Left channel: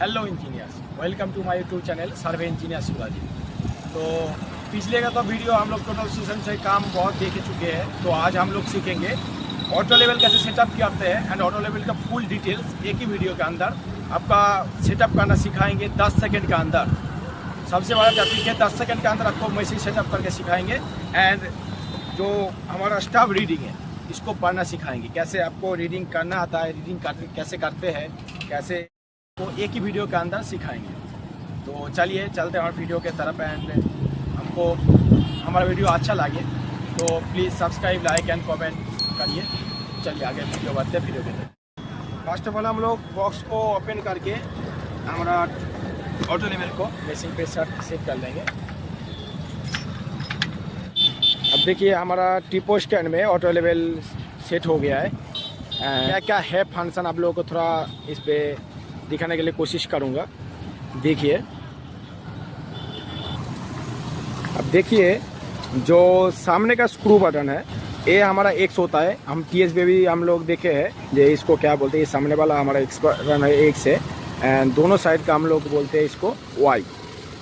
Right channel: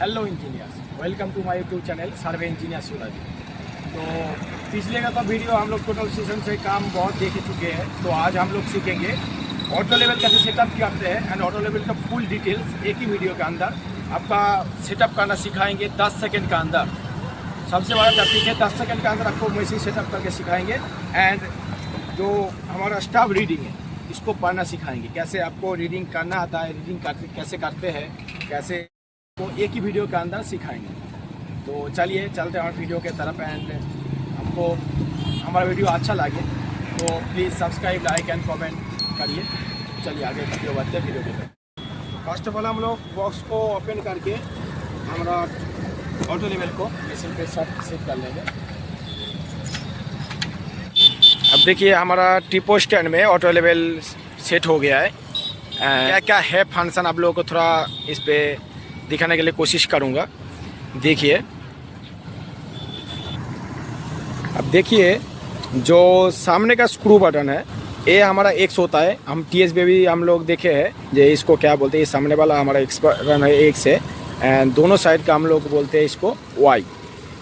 Hello engineers, welcome to my YouTube channel survey engineer Suraj. तो पिछले का तो वीडियो हम लोग टोटल सीजन से काम बहुत देख चुके हैं। तो आज हम लोग सीखेंगे ऑटो लेवल कैसे सेटअप करते हैं एंड ऑटो लेवल का फुल डिटेल्स एक ही वीडियो के अंदर आपका सेटअप करना सिखाएंगे 10 सेकेंड के अंदर। सबसे बड़ा टॉपिक है 10 सेकेंड के अंदर आपको मैसेज सेटअप करके सिखाएंगे एंड जो हमारा स्टाफ रीडिंग है इसको पढ़ना सिखाएंगे। कैसे आपको रीडिंग करना आता है, रीडिंग कैसे करते हैं, कैसे वो एक ही वीडियो के अंदर सिखाएंगे। तो चलिए चलते हैं हमारे वीडियो के तरफ एंड हमको हमारा वीडियो अच्छा लगे तो please subscribe, like and comment करिए। चलिए आगे वीडियो बढ़ते हैं वीडियो के तरफ। फर्स्ट ऑफ ऑल हम लोग बॉक्स को ओपन करके हमारा ऑटो लेवल को मशीन पे सेट कर लेंगे। अब देखिए हमारा टिपो स्टैंड में ऑटो लेवल सेट हो गया है। क्या क्या है फंक्शन आप लोगों को थोड़ा इस पर दिखाने के लिए कोशिश करूँगा। देखिए, अब देखिए जो सामने का स्क्रू बटन है ये हमारा एक्स होता है। हम टीएस पे भी हम लोग देखे हैं ये इसको क्या बोलते हैं। ये सामने वाला हमारा एक्स बटन है, एक्स है एंड दोनों साइड का हम लोग बोलते हैं इसको वाई।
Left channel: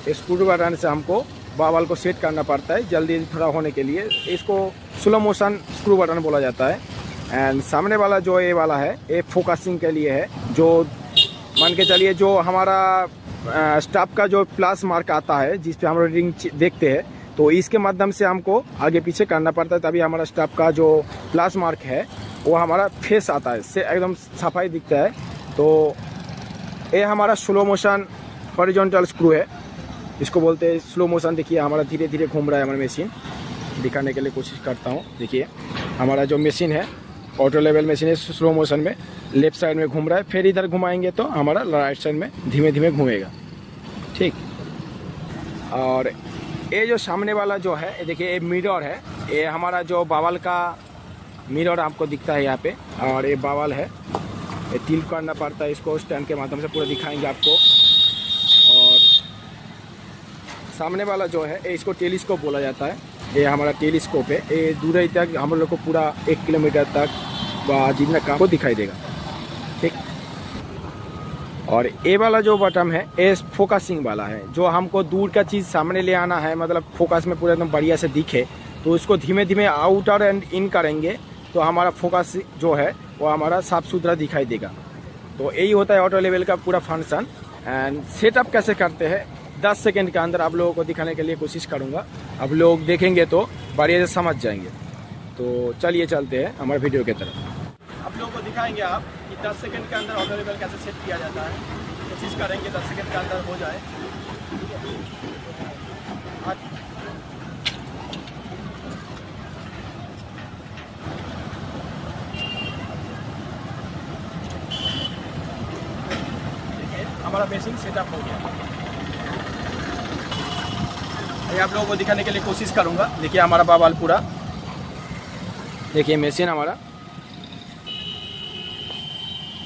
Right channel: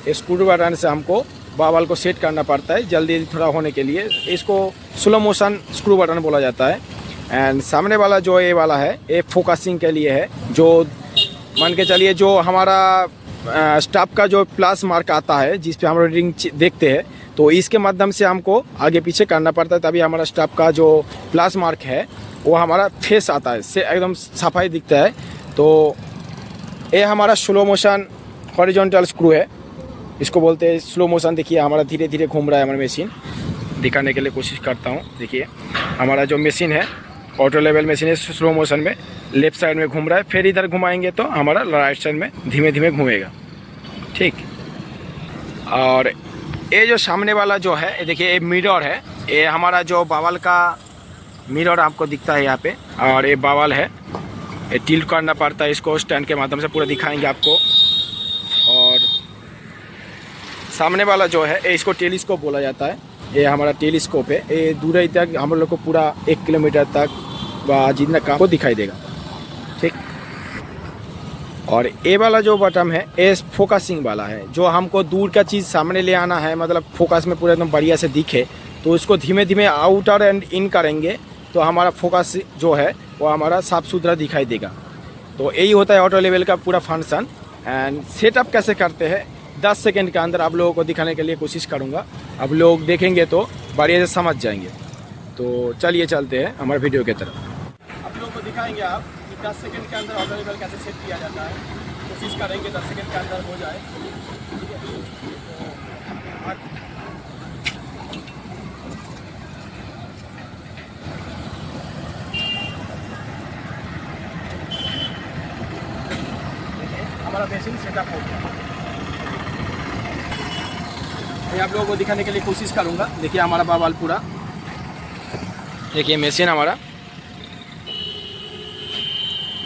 इस स्क्रू बटन से हमको बावल को सेट करना पड़ता है जल्दी थोड़ा होने के लिए। इसको स्लो मोशन स्क्रू बटन बोला जाता है। एंड सामने वाला जो ये वाला है ये फोकसिंग के लिए है। जो मान के चलिए जो हमारा स्टॉप का जो प्लस मार्क आता है जिस पे हम रीडिंग देखते हैं तो इसके माध्यम से हमको आगे पीछे करना पड़ता है, तभी हमारा स्टॉप का जो प्लस मार्क है वो हमारा फेस आता है, से एकदम सफाई दिखता है। तो ये हमारा स्लो मोशन हॉरिजॉन्टल स्क्रू है, इसको बोलते हैं स्लो मोशन। देखिए हमारा धीरे धीरे घूम रहा है हमारा मशीन। दिखाने के लिए कोशिश करता हूँ। देखिए हमारा जो मशीन है ऑटो लेवल मशीन है, स्लो मोशन में लेफ्ट साइड में घूम रहा है, फिर इधर घुमाएंगे तो हमारा राइट साइड में धीमे धीमे घूमेगा। ठीक, और ये जो सामने वाला जो है ये देखिए ये मिरर है। ये हमारा जो बावल का मिरर आपको दिखता है यहाँ पे, और ये बावल है, ये टिल्ट करना पड़ता है। इसको स्टैंड के माध्यम से पूरा दिखाएंगे आपको। और सामने वाला जो है ये इसको टेलीस्कोप बोला जाता है। ये हमारा टेलीस्कोप है, ये दूर ही तक हम लोग को पूरा 1 किलोमीटर तक जितना काम को दिखाई देगा। ठीक, और ये वाला जो बटन है ये फोकसिंग वाला है। जो हमको दूर का चीज़ सामने ले आना है, मतलब फोकस में पूरा एकदम बढ़िया से दिखे, तो इसको धीमे धीमे आउटर एंड इन करेंगे तो हमारा फोकस जो है वो हमारा साफ सुथरा दिखाई देगा। तो यही होता है ऑटो लेवल का पूरा फंक्शन। एंड सेटअप कैसे करते हैं 10 सेकेंड के अंदर आप लोगों को दिखाने के लिए कोशिश करूँगा। अब लोग देखेंगे तो बढ़िया से समझ जाएंगे। तो चलिए चलते हैं हमारे वीडियो की तरफ। आप लोगों को दिखाएंगे आप कि 10 सेकेंड के अंदर ऑटो लेवल कैसे सेट किया जाता है। कोशिश करेंगे 10 सेकेंड के अंदर हो जाए। ठीक है, देखिए हमारा मशीन सेटअप हो गया। आप लोगों को दिखाने के लिए कोशिश करूंगा। देखिए हमारा बावल पूरा, देखिए मशीन हमारा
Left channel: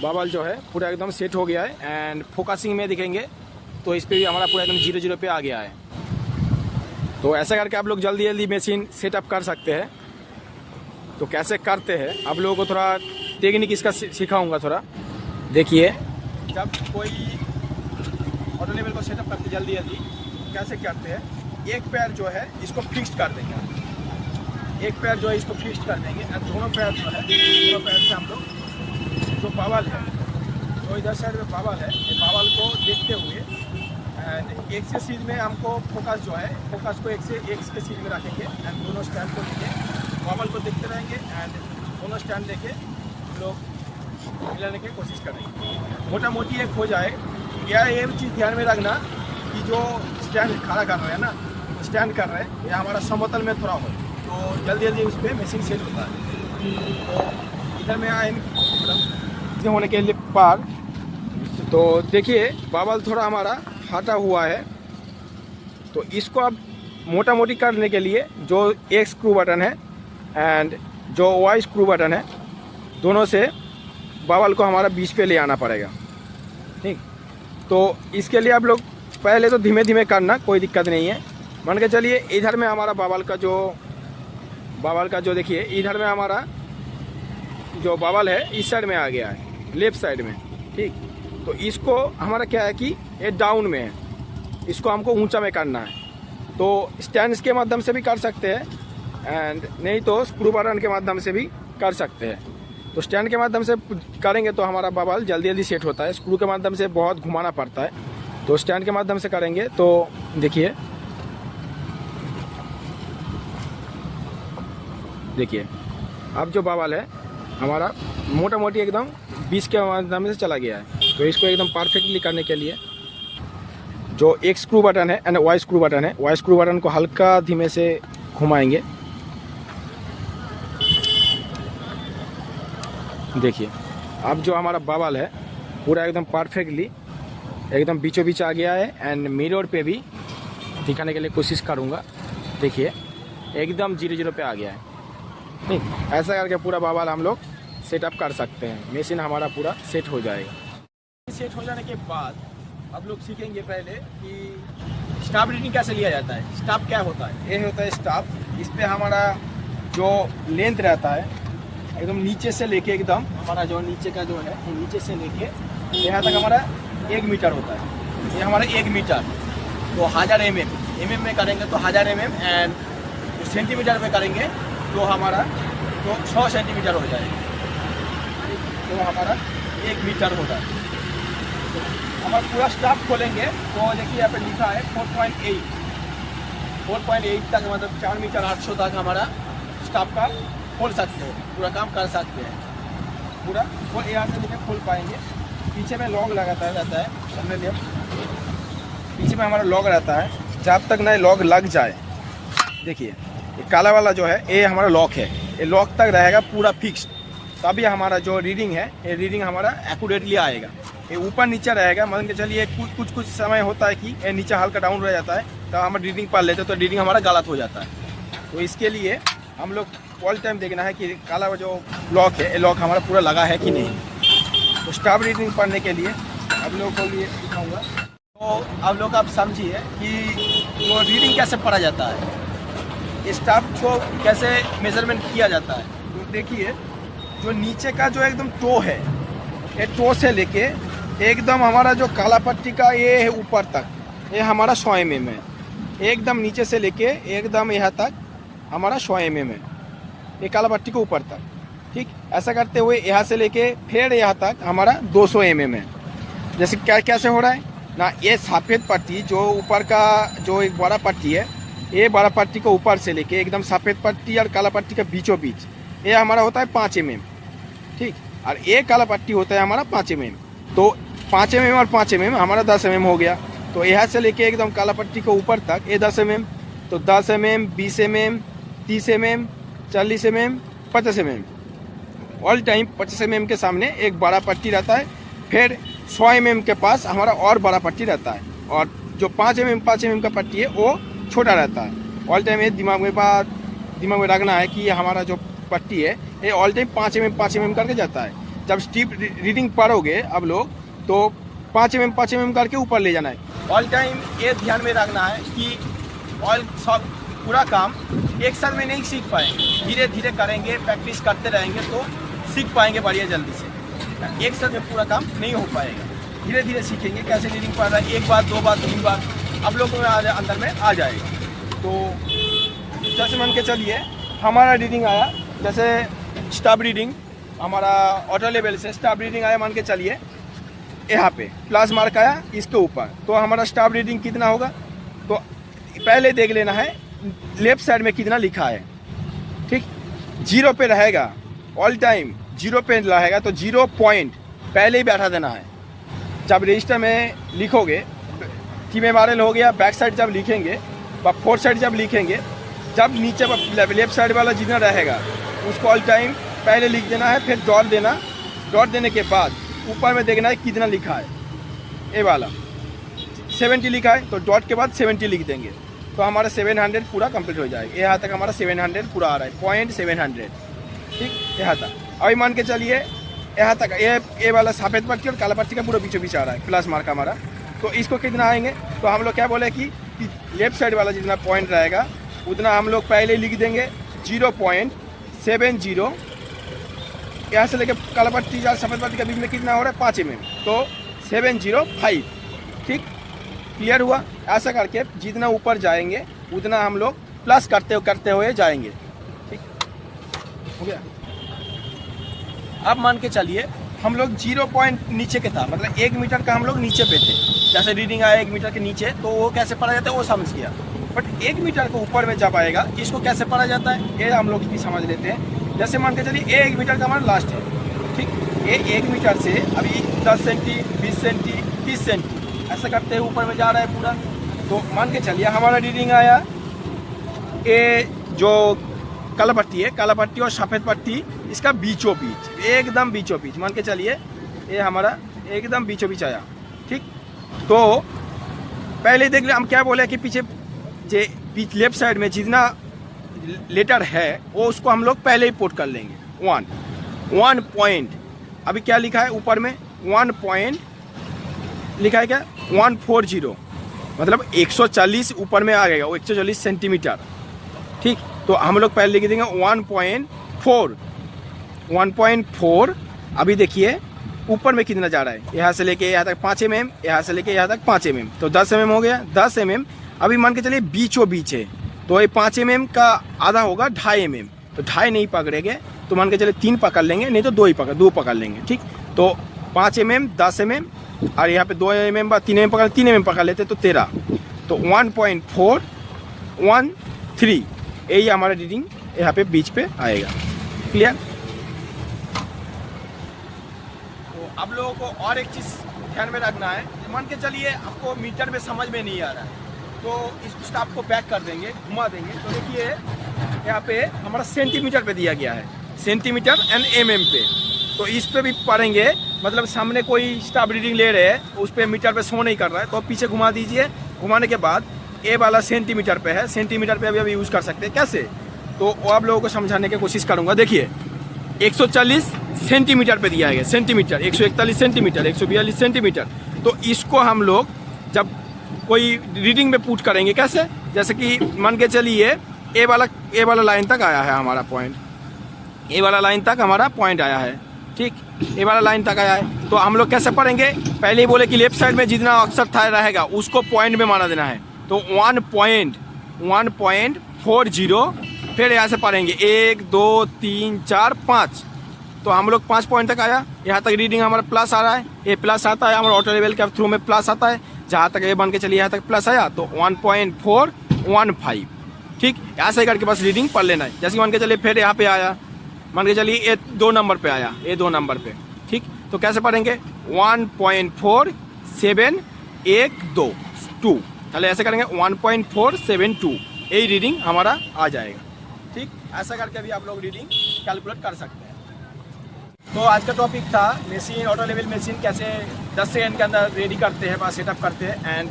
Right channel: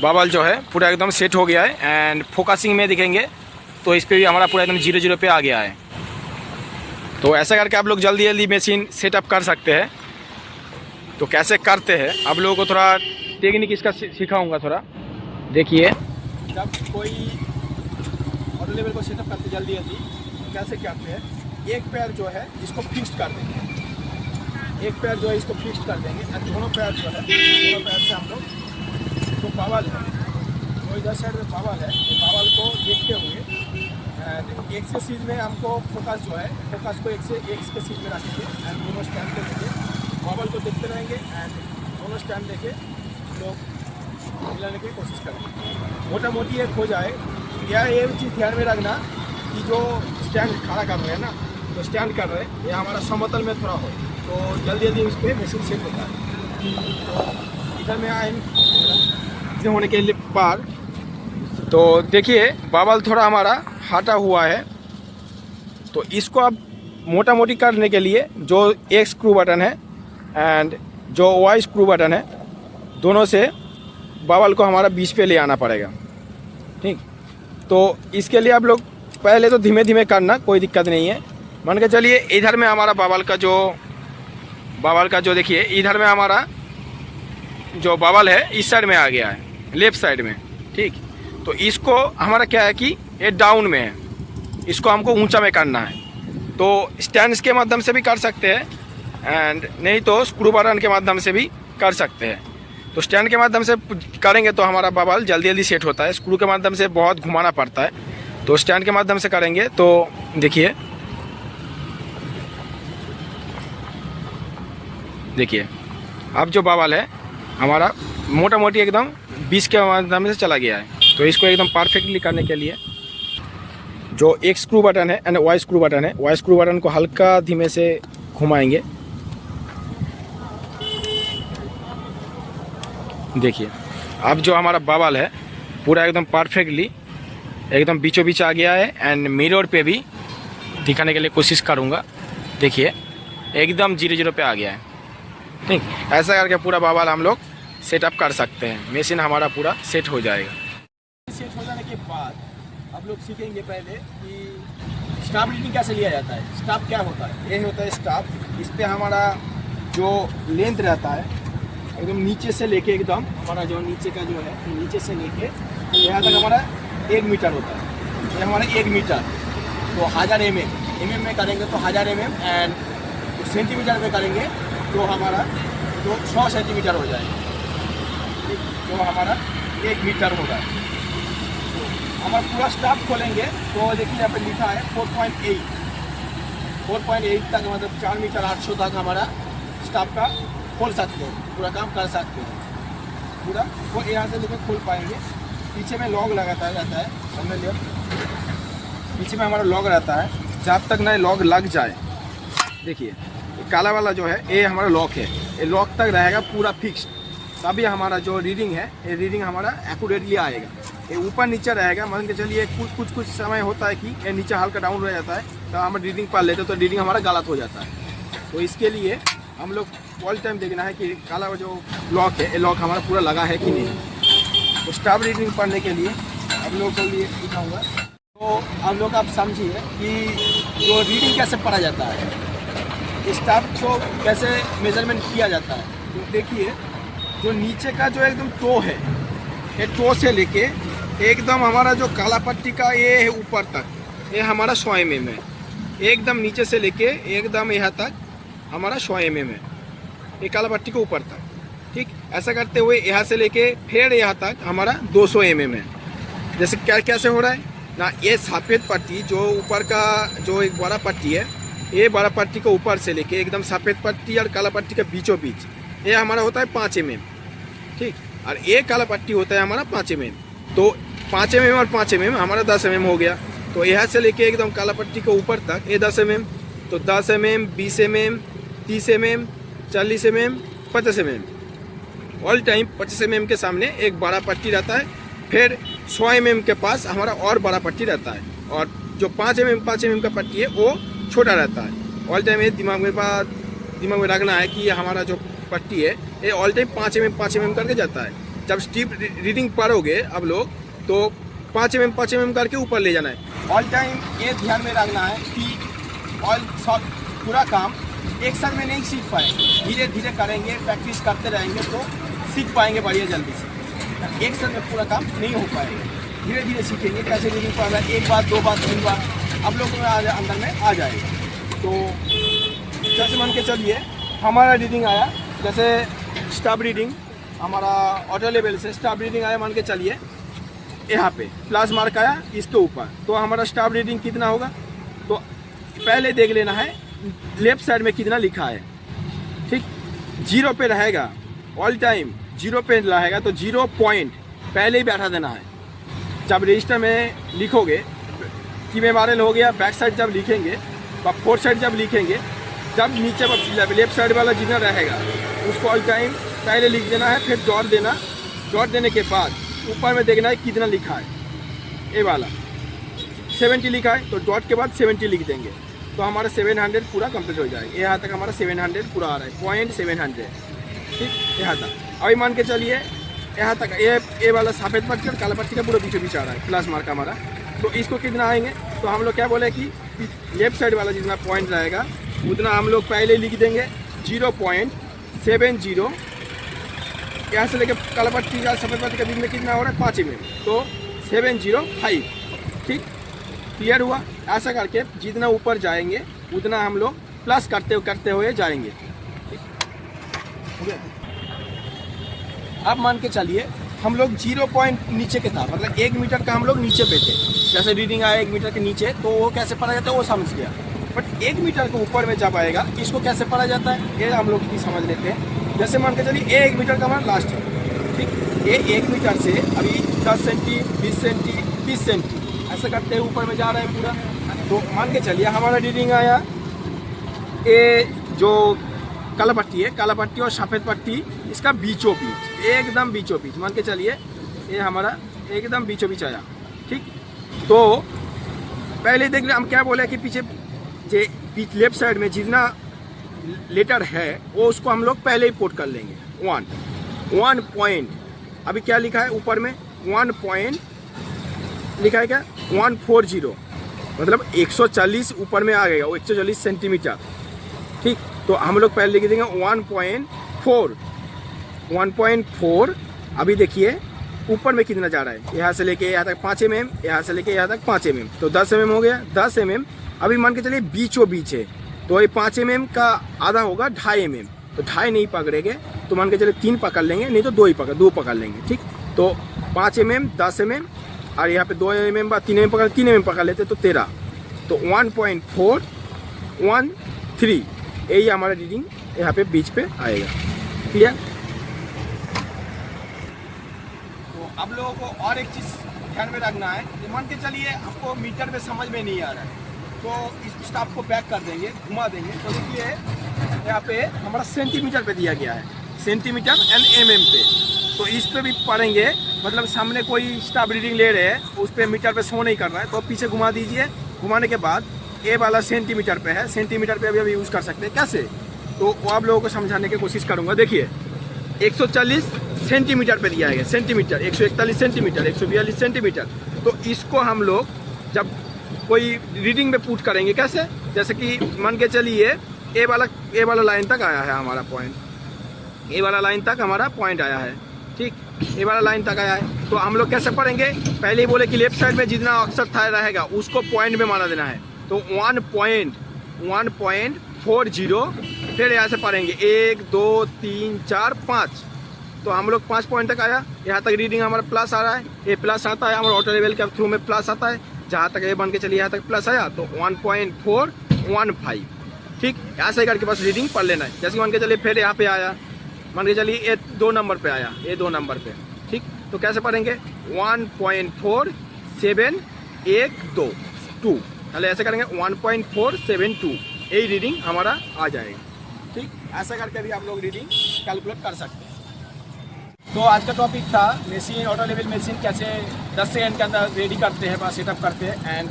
बावल जो है पूरा एकदम सेट हो गया है। एंड फोकसिंग में दिखेंगे तो इस पे भी हमारा पूरा एकदम 0-0 पे आ गया है। तो ऐसा करके आप लोग जल्दी जल्दी मशीन सेटअप कर सकते हैं। तो कैसे करते हैं आप लोगों को थोड़ा टेक्निक इसका सिखाऊंगा थोड़ा। देखिए जब कोई ऑटो लेवल को सेटअप करते जल्दी जल्दी कैसे करते हैं, एक पैर जो है इसको फिक्स कर देंगे, एक पैर जो है इसको फिक्स कर देंगे और दोनों पैर जो है दोनों पैर से हम लोग जो बावल है, जो इधर साइड में बावल है, ये बावल को देखते हुए एंड एक से सीध में हमको फोकस जो है फोकस को एक के सीध में रखेंगे एंड दोनों स्टैंड को लेके बावल को देखते रहेंगे एंड दोनों स्टैंड लेके हम लोग मिलाने की कोशिश करेंगे। मोटा मोटी एक हो जाए। या ये चीज़ ध्यान में रखना कि जो स्टैंड खड़ा कर रहे हैं ना, तो स्टैंड कर रहे हैं ये हमारा समतल में थोड़ा हो तो जल्दी जल्दी उस पर मशीन सेट होता है। तो इधर में आए होने के लिए पार, तो देखिए बावल थोड़ा हमारा हटा हुआ है। तो इसको अब मोटा मोटी करने के लिए जो एक स्क्रू बटन है एंड जो वाई स्क्रू बटन है, दोनों से बावल को हमारा बीच पे ले आना पड़ेगा। ठीक, तो इसके लिए आप लोग पहले तो धीमे धीमे करना, कोई दिक्कत नहीं है। मान के चलिए इधर में हमारा बावल का जो देखिए इधर में हमारा जो बावल है इस साइड में आ गया है, लेफ्ट साइड में। ठीक, तो इसको हमारा क्या है कि ये डाउन में है, इसको हमको ऊंचा में करना है। तो स्टैंड्स के माध्यम से भी कर सकते हैं एंड नहीं तो स्क्रू बटन के माध्यम से भी कर सकते हैं। तो स्टैंड के माध्यम से करेंगे तो हमारा बबल जल्दी जल्दी सेट होता है, स्क्रू के माध्यम से बहुत घुमाना पड़ता है। तो स्टैंड के माध्यम से करेंगे तो देखिए अब जो बबल है हमारा मोटा मोटी एकदम 20 के माध्यम से चला गया है। तो इसको एकदम परफेक्टली करने के लिए जो एक स्क्रू बटन है एंड वाई स्क्रू बटन है, वाई स्क्रू बटन को हल्का धीमे से घुमाएंगे। देखिए अब जो हमारा बबल है पूरा एकदम परफेक्टली एकदम बीचों बीच आ गया है एंड मिरर पे भी दिखाने के लिए कोशिश करूँगा। देखिए एकदम 0 पे आ गया है। ठीक, ऐसा करके पूरा बबल हम लोग सेटअप कर सकते हैं, मशीन हमारा पूरा सेट हो जाएगा। सेट हो जाने के बाद अब लोग सीखेंगे पहले कि स्टाफ रीडिंग कैसे लिया जाता है। स्टाफ क्या होता है, ये होता है स्टाफ, इस पर हमारा जो लेंथ रहता है एकदम नीचे से लेके एकदम हमारा जो नीचे का जो है नीचे से लेके यहाँ तक हमारा 1 मीटर होता है। ये हमारा 1 मीटर तो 1000 mm में करेंगे तो 1000 mm एंड सेंटीमीटर में करेंगे तो हमारा तो 100 सेंटीमीटर हो जाएगा। तो हमारा 1 मीटर हो रहा है। तो हमारा पूरा स्टाफ खोलेंगे तो देखिए यहाँ पे लिखा है 4.8 तक, मतलब 4 मीटर 800 तक हमारा स्टाफ का खोल सकते हैं, पूरा काम कर सकते हैं। पूरा वो यहाँ से लेकर खोल पाएंगे। पीछे में लॉक लगाता रहता है, हमने लिया पीछे में हमारा लॉक रहता है, जब तक ना लॉक लग जाए। देखिए काला वाला जो है ये हमारा लॉक है, ये लॉक तक रहेगा पूरा फिक्स, तभी हमारा जो रीडिंग है ये रीडिंग हमारा एक्यूरेटली आएगा। ये ऊपर नीचे रहेगा, मान के चलिए कुछ समय होता है कि ये नीचे हल्का डाउन रह जाता है तो हम रीडिंग पढ़ लेते हैं तो रीडिंग हमारा गलत हो जाता है। तो इसके लिए हम लोग ऑल टाइम देखना है कि काला जो लॉक है ये लॉक हमारा पूरा लगा है कि नहीं। तो स्टाफ रीडिंग पढ़ने के लिए आप लोगों को लिए दिखाऊँगा। तो आप लोग आप समझिए कि जो रीडिंग कैसे पढ़ा जाता है, स्टाफ को कैसे मेजरमेंट किया जाता है। तो देखिए जो नीचे का जो एकदम टो है, ये टो से लेके एकदम हमारा जो काला पट्टी का ये है ऊपर तक, ये हमारा 100 mm है। एकदम नीचे से लेके एकदम यहाँ तक हमारा 100 mm है, ये काला पट्टी के ऊपर तक। ठीक, ऐसा करते हुए यहाँ से लेके फिर यहाँ तक हमारा 200 mm है। जैसे क्या कैसे हो रहा है ना, ये सफ़ेद पट्टी जो ऊपर का जो एक बड़ा पट्टी है, ये बड़ा पट्टी को ऊपर से लेके एकदम सफ़ेद पट्टी और काला पट्टी के बीचों बीच ये हमारा होता है 5 mm। ठीक, और ये काला पट्टी होता है हमारा 5 mm। तो 5 mm और 5 mm हमारा 10 mm हो गया। तो यहाँ से लेके एकदम काला पट्टी के ऊपर तक ये 10 mm, तो 10 mm, 20 mm, 30 mm, 40 mm, 50 mm। All time 50 mm के सामने एक बड़ा पट्टी रहता है, फिर 100 mm के पास हमारा और बड़ा पट्टी रहता है, और जो 5 mm का पट्टी है वो छोटा रहता है। ऑल टाइम ये दिमाग में रखना है कि हमारा जो पट्टी है ये ऑल टाइम 5 mm करके जाता है। जब स्टीप रीडिंग पढ़ोगे अब लोग तो 5 mm करके ऊपर ले जाना है। ऑल टाइम ये ध्यान में रखना है कि ऑल सब पूरा काम एक साल में नहीं सीख पाएंगे, धीरे धीरे करेंगे, प्रैक्टिस करते रहेंगे तो सीख पाएंगे बढ़िया जल्दी से। एक साल में पूरा काम नहीं हो पाएगा, धीरे धीरे सीखेंगे कैसे रीडिंग पढ़ रहा है, 1 बार 2 बार 3 बार आप लोग को अंदर में आ जाएगा। तो जैसे मान के चलिए हमारा रीडिंग आया, जैसे स्टाफ रीडिंग हमारा ऑटो लेवल से स्टाफ रीडिंग आया, मान के चलिए यहाँ पे प्लस मार्क आया इसके ऊपर, तो हमारा स्टाफ रीडिंग कितना होगा। तो पहले देख लेना है लेफ्ट साइड में कितना लिखा है। ठीक, 0 पे रहेगा, ऑल टाइम 0 पे रहेगा तो 0 पॉइंट पहले ही बैठा देना है। जब रजिस्टर में लिखोगे कि मेमोरियल हो गया, बैक साइड जब लिखेंगे, फोर्थ साइड जब लिखेंगे, जब नीचे लेफ्ट साइड वाला जितना रहेगा उसको ऑल टाइम पहले लिख देना है, फिर डॉट देना। डॉट देने के बाद ऊपर में देखना है कितना लिखा है। ये वाला 70 लिखा है तो डॉट के बाद 70 लिख देंगे तो हमारा 700 पूरा कंप्लीट हो जाएगा। यहाँ तक हमारा 700 पूरा आ रहा है, पॉइंट 700। ठीक, यहाँ तक। अभी मान के चलिए यहाँ तक ये वाला सफ़ेद पट्टी और काला पट्टी का पूरा बीचों बीच आ रहा है प्लस मार्क हमारा। तो इसको कितना आएंगे, तो हम लोग क्या बोले कि लेफ्ट साइड वाला जितना पॉइंट रहेगा उतना हम लोग पहले लिख देंगे 0.70। यहाँ से लेकर काला पट्टी या सफ़ेद पट्टी के बीच में कितना हो रहा है 5 mm, तो 705। ठीक, क्लियर हुआ। ऐसा करके जितना ऊपर जाएंगे उतना हम लोग प्लस करते हुए जाएंगे। ठीक हो गया। अब मान के चलिए हम लोग 0 पॉइंट नीचे के था, मतलब 1 मीटर का हम लोग नीचे पे थे। जैसे रीडिंग आया 1 मीटर के नीचे तो वो कैसे पढ़ा जाता है वो समझ गया। बट 1 मीटर के ऊपर में जब आएगा इसको कैसे पढ़ा जाता है ये हम लोग भी समझ लेते हैं। जैसे मान के चलिए ये 1 मीटर का हमारा लास्ट है। ठीक, ये 1 मीटर से अभी 10 सेंटी, 20 सेंटी, 30 सेंटी ऐसा करते हुए ऊपर में जा रहा है पूरा। तो मान के चलिए हमारा रीडिंग आया, ये जो काला पट्टी है, काला पट्टी और सफ़ेद पट्टी इसका बीचों बीच, एकदम बीचों बीच मान के चलिए ये हमारा एकदम बीचों बीच आया। ठीक, तो पहले देख ले हम क्या बोले कि पीछे जे लेफ्ट साइड में जितना लेटर है वो उसको हम लोग पहले ही पुट कर लेंगे। 1 पॉइंट, अभी क्या लिखा है ऊपर में 1 पॉइंट लिखा है क्या 140, मतलब 140 ऊपर में आ गया, 140 सेंटीमीटर। ठीक, तो हम लोग पहले लिख देंगे 1.4। अभी देखिए ऊपर में कितना जा रहा है, यहाँ से लेके यहाँ तक 5 mm, यहाँ से लेके यहाँ तक 5 mm, तो 10 mm हो गया। 10 mm अभी मान के चलिए बीचों बीच है, तो ये 5 mm का आधा होगा 2.5 mm, तो 2.5 नहीं पकड़ेंगे तो मान के चलिए 3 पकड़ लेंगे, नहीं तो 2 पकड़ लेंगे। ठीक, तो 5 mm, 10 mm और यहाँ पे 2 mm 3 mm पकड़ लेते तो 13, तो 1.413 यही हमारा रीडिंग यहाँ पे बीच पे आएगा। क्लियर। तो अब लोगों को और एक चीज़ ध्यान में रखना है कि मान के चलिए आपको मीटर में समझ में नहीं आ रहा है तो इस स्टाफ को बैक कर देंगे, घुमा देंगे। तो देखिए यहाँ पे हमारा सेंटीमीटर पे दिया गया है, सेंटीमीटर एंड mm पे। तो इस पे भी पढ़ेंगे, मतलब सामने कोई स्टाफ रीडिंग ले रहे हैं उस पर मीटर पे शो नहीं कर रहा है तो पीछे घुमा दीजिए। घुमाने के बाद ए वाला सेंटीमीटर पे है, सेंटीमीटर पे अभी यूज़ कर सकते हैं। कैसे, तो वो आप लोगों को समझाने की कोशिश करूँगा। देखिए 140 सेंटीमीटर पे दिया गया, सेंटीमीटर 141 सेंटीमीटर, 142 सेंटीमीटर। तो इसको हम लोग जब कोई रीडिंग में पुट करेंगे कैसे, जैसे कि मान के चलिए ए वाला लाइन तक आया है हमारा पॉइंट, ए वाला लाइन तक हमारा पॉइंट आया है। ठीक, ए वाला लाइन तक आया है तो हम लोग कैसे पढ़ेंगे, पहले ही बोले कि लेफ्ट साइड में जितना अक्षर था रहेगा उसको पॉइंट में माना देना है। तो 1.40, फिर यहाँ से पढ़ेंगे 1 2 3 4 5, तो हम लोग 5 पॉइंट तक आया। यहाँ तक रीडिंग हमारा प्लस आ रहा है, ये प्लस आता है हमारा ऑटो लेवल के थ्रू में प्लस आता है। जहाँ तक ये बन के चलिए यहाँ तक प्लस आया तो 1.415। ठीक, ऐसा ही करके बस रीडिंग पढ़ लेना है। जैसे मान के चलिए फिर यहाँ पे आया, मान के चलिए ये 2 नंबर पे आया, ये 2 नंबर पे। ठीक, तो कैसे पढ़ेंगे 1.4712, चले ऐसे करेंगे 1.472, यही रीडिंग हमारा आ जाएगा। ठीक, ऐसा करके भी आप लोग रीडिंग कैलकुलेट कर सकते हैं। तो आज का टॉपिक था मशीन, ऑटो लेवल मशीन कैसे 10 सेकंड के अंदर रेडी करते हैं, बस सेटअप करते हैं, एंड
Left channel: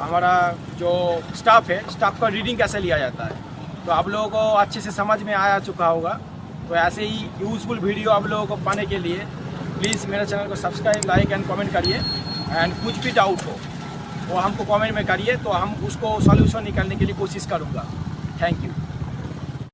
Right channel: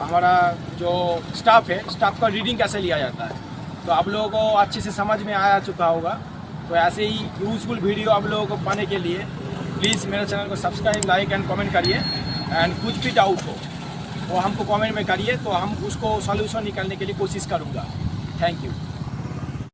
हमारा जो स्टाफ है स्टाफ का रीडिंग कैसे लिया जाता है। तो आप लोगों को अच्छे से समझ में आ चुका होगा। तो ऐसे ही यूज़फुल वीडियो आप लोगों को पाने के लिए प्लीज़ मेरे चैनल को सब्सक्राइब, लाइक एंड कमेंट करिए। एंड कुछ भी डाउट हो वो हमको कमेंट में करिए, तो हम उसको सॉल्यूशन निकालने के लिए कोशिश करूँगा। Thank you.